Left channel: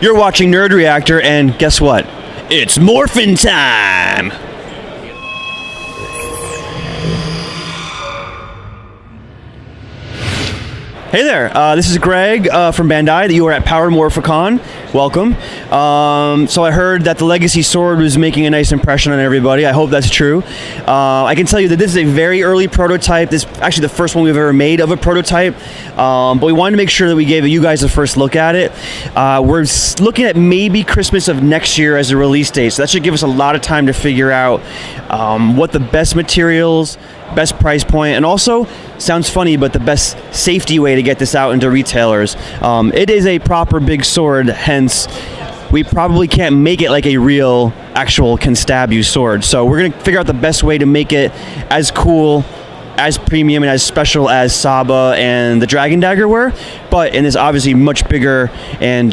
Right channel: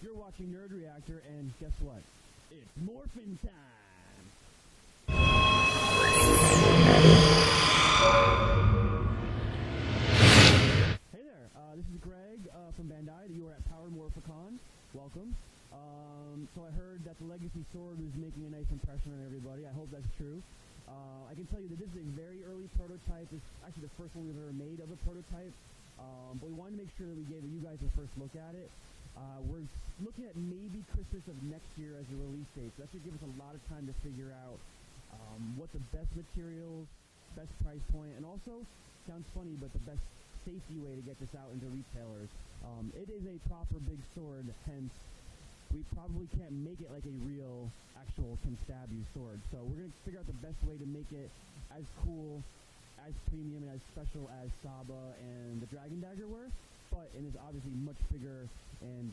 You're watching Nerd Reactor, and guess what? It's Morphin' time! Hey there, this is Greg from Bandai. You are at Power Morphicon. Welcome. So I heard that the Legacy Sword was making a nice impression on everybody. I hope that's true. I can tell you that this is a very early prototype. This is actually the first one we've ever made of a prototype. But we wanted to make sure that we gave you guys the first look at it. We're looking at maybe Christmas of next year as a release date. So that should give us a lot of time to figure out what the best materials, best price point, and also, sounds funny, but the best safety way to get this out into retailers. It is a proper big sword, hence we probably can't make it like a real, actual can stab you sword. So we're gonna figure out the best way to make it as cool, as premium, and as special as Saba and the Dragon Dagger were, but in this obviously much bigger and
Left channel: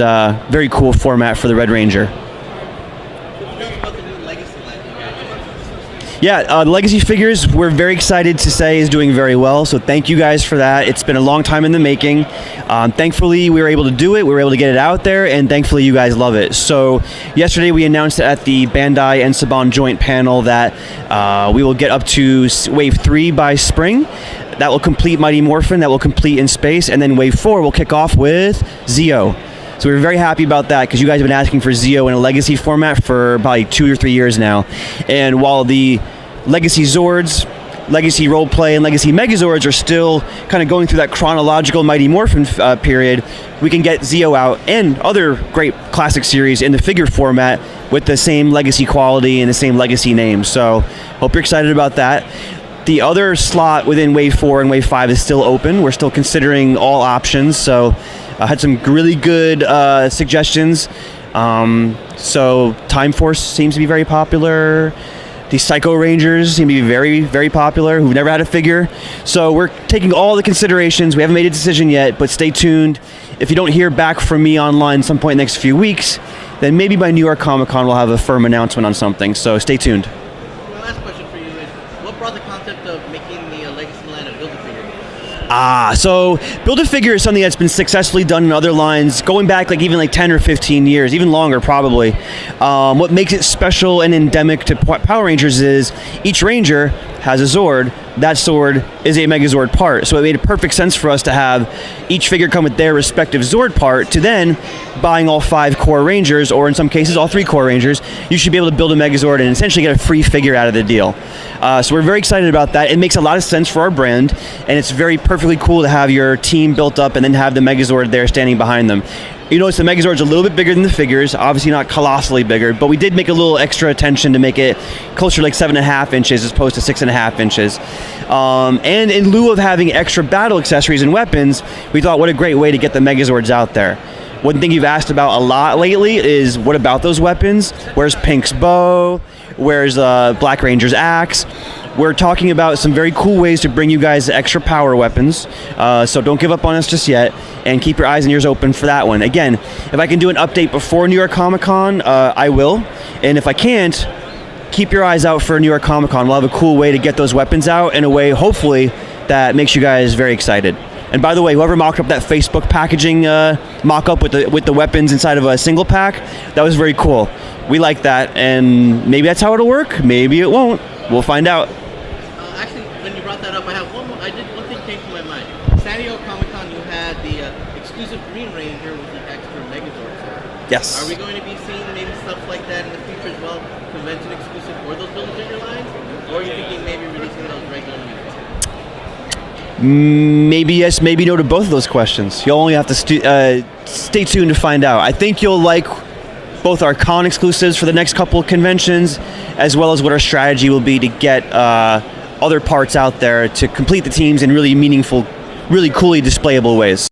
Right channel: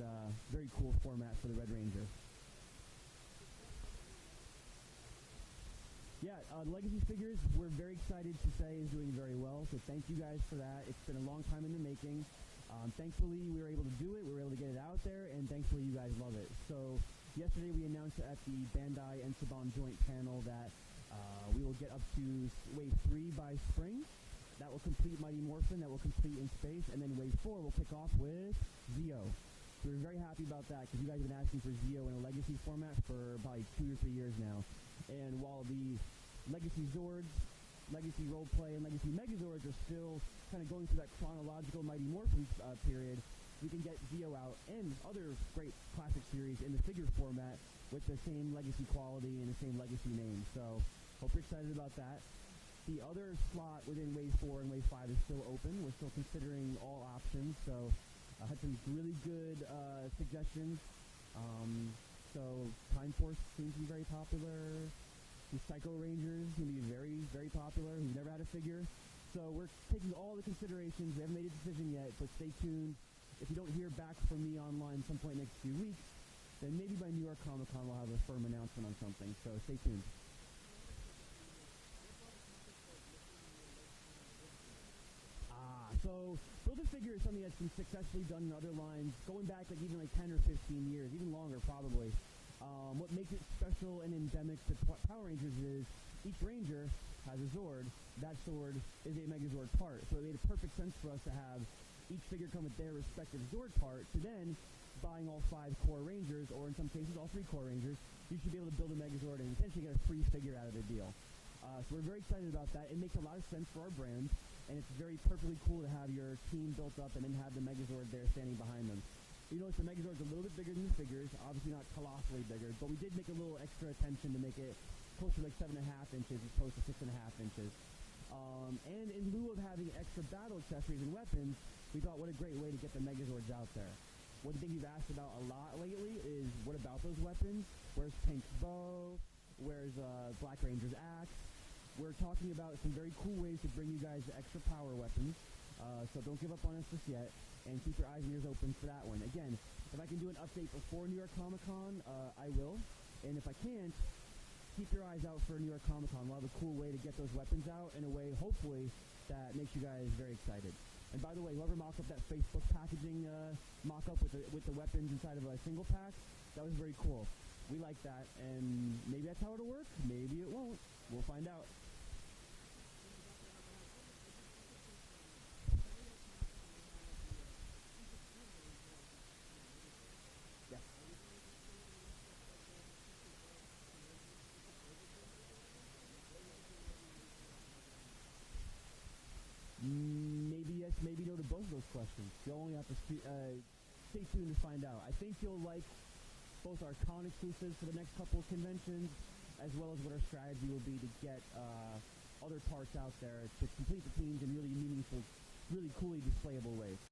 very cool format for the Red Ranger. Yeah, the Legacy figures, we're very excited to say, is doing very well, so thank you guys for that. It's been a long time in the making. Thankfully, we were able to do it, we were able to get it out there, and thankfully you guys love it. So yesterday we announced at the Bandai and Saban joint panel that we will get up to Wave 3 by spring. That will complete Mighty Morphin, that will complete In Space, and then Wave 4 will kick off with Zeo. So we're very happy about that because you guys have been asking for Zeo in a Legacy format for probably 2 or 3 years now. And while the Legacy Zords, Legacy Roleplay, and Legacy Megazords are still kind of going through that chronological Mighty Morphin period, we can get Zeo out and other great classic series in the figure format with the same Legacy quality and the same Legacy name. So hope you're excited about that. The other slot within Wave 4 and Wave 5 is still open. We're still considering all options, so I had some really good suggestions. So Time Force seems to be very popular. The Psycho Rangers seem to be very, very popular, who've never had a figure. So we're taking all the considerations. We haven't made a decision yet, but stay tuned. If you don't hear back from me online some point in the next few weeks, then maybe by New York Comic Con we'll have a firm announcement on something, so stay tuned. My last question for you is, what brought the concept of making the Legacy line a Build-A-Figure? So Build-A-Figure is something that's been successfully done in other lines, going back even 10 or 15 years, even longer probably. What makes it special and endemic to Power Rangers is each Ranger has a Zord. That sword is a Megazord part, so it made a perfect sense for us to have each figure come with their respective Zord part, to then buying all 5 core Rangers, or in some cases all 3 core Rangers, you should be able to build a Megazord and essentially get a free figure out of the deal. So we're very excited about that. It makes a lot of sense for our brand, and it's very perfectly cool to have your team built up and then have the Megazord there standing behind them. You notice the Megazord's a little bit bigger than the figures, obviously not colossally bigger, but we did make a little extra attention to make it closer to 7.5 inches as opposed to 6.5 inches. And in lieu of having extra battle accessories and weapons, we thought what a great way to get the Megazords out there. One thing you've asked about a lot lately is, what about those weapons? Where's Pink's bow? Where's Black Ranger's axe? We're talking about some very cool ways to bring you guys extra power weapons, so don't give up on us just yet, and keep your eyes and ears open for that one. Again, if I can do an update before New York Comic Con, I will, and if I can't, keep your eyes out for New York Comic Con. We'll have a cool way to get those weapons out in a way, hopefully, that makes you guys very excited. And by the way, whoever mocked up that Facebook packaging mock-up with the weapons inside of a single pack, that was very cool. We like that, and maybe that's how it'll work, maybe it won't. We'll find out. Actually, when you brought that up, I have one thing came to my mind. San Diego Comic Con, you had the exclusive Green Ranger with the extra Megazord sword. Yes. Are we going to be seeing maybe stuff like that in the future as well? Convention exclusive for those Build-A-Figure lines? Or are you thinking maybe releasing those regular units? Maybe yes, maybe no to both of those questions. You'll only have to stay tuned to find out. I think you'll like both our con exclusives for the next couple of conventions, as well as what our strategy will be to get other parts out there to complete the teams in really meaningful, really coolly displayable ways.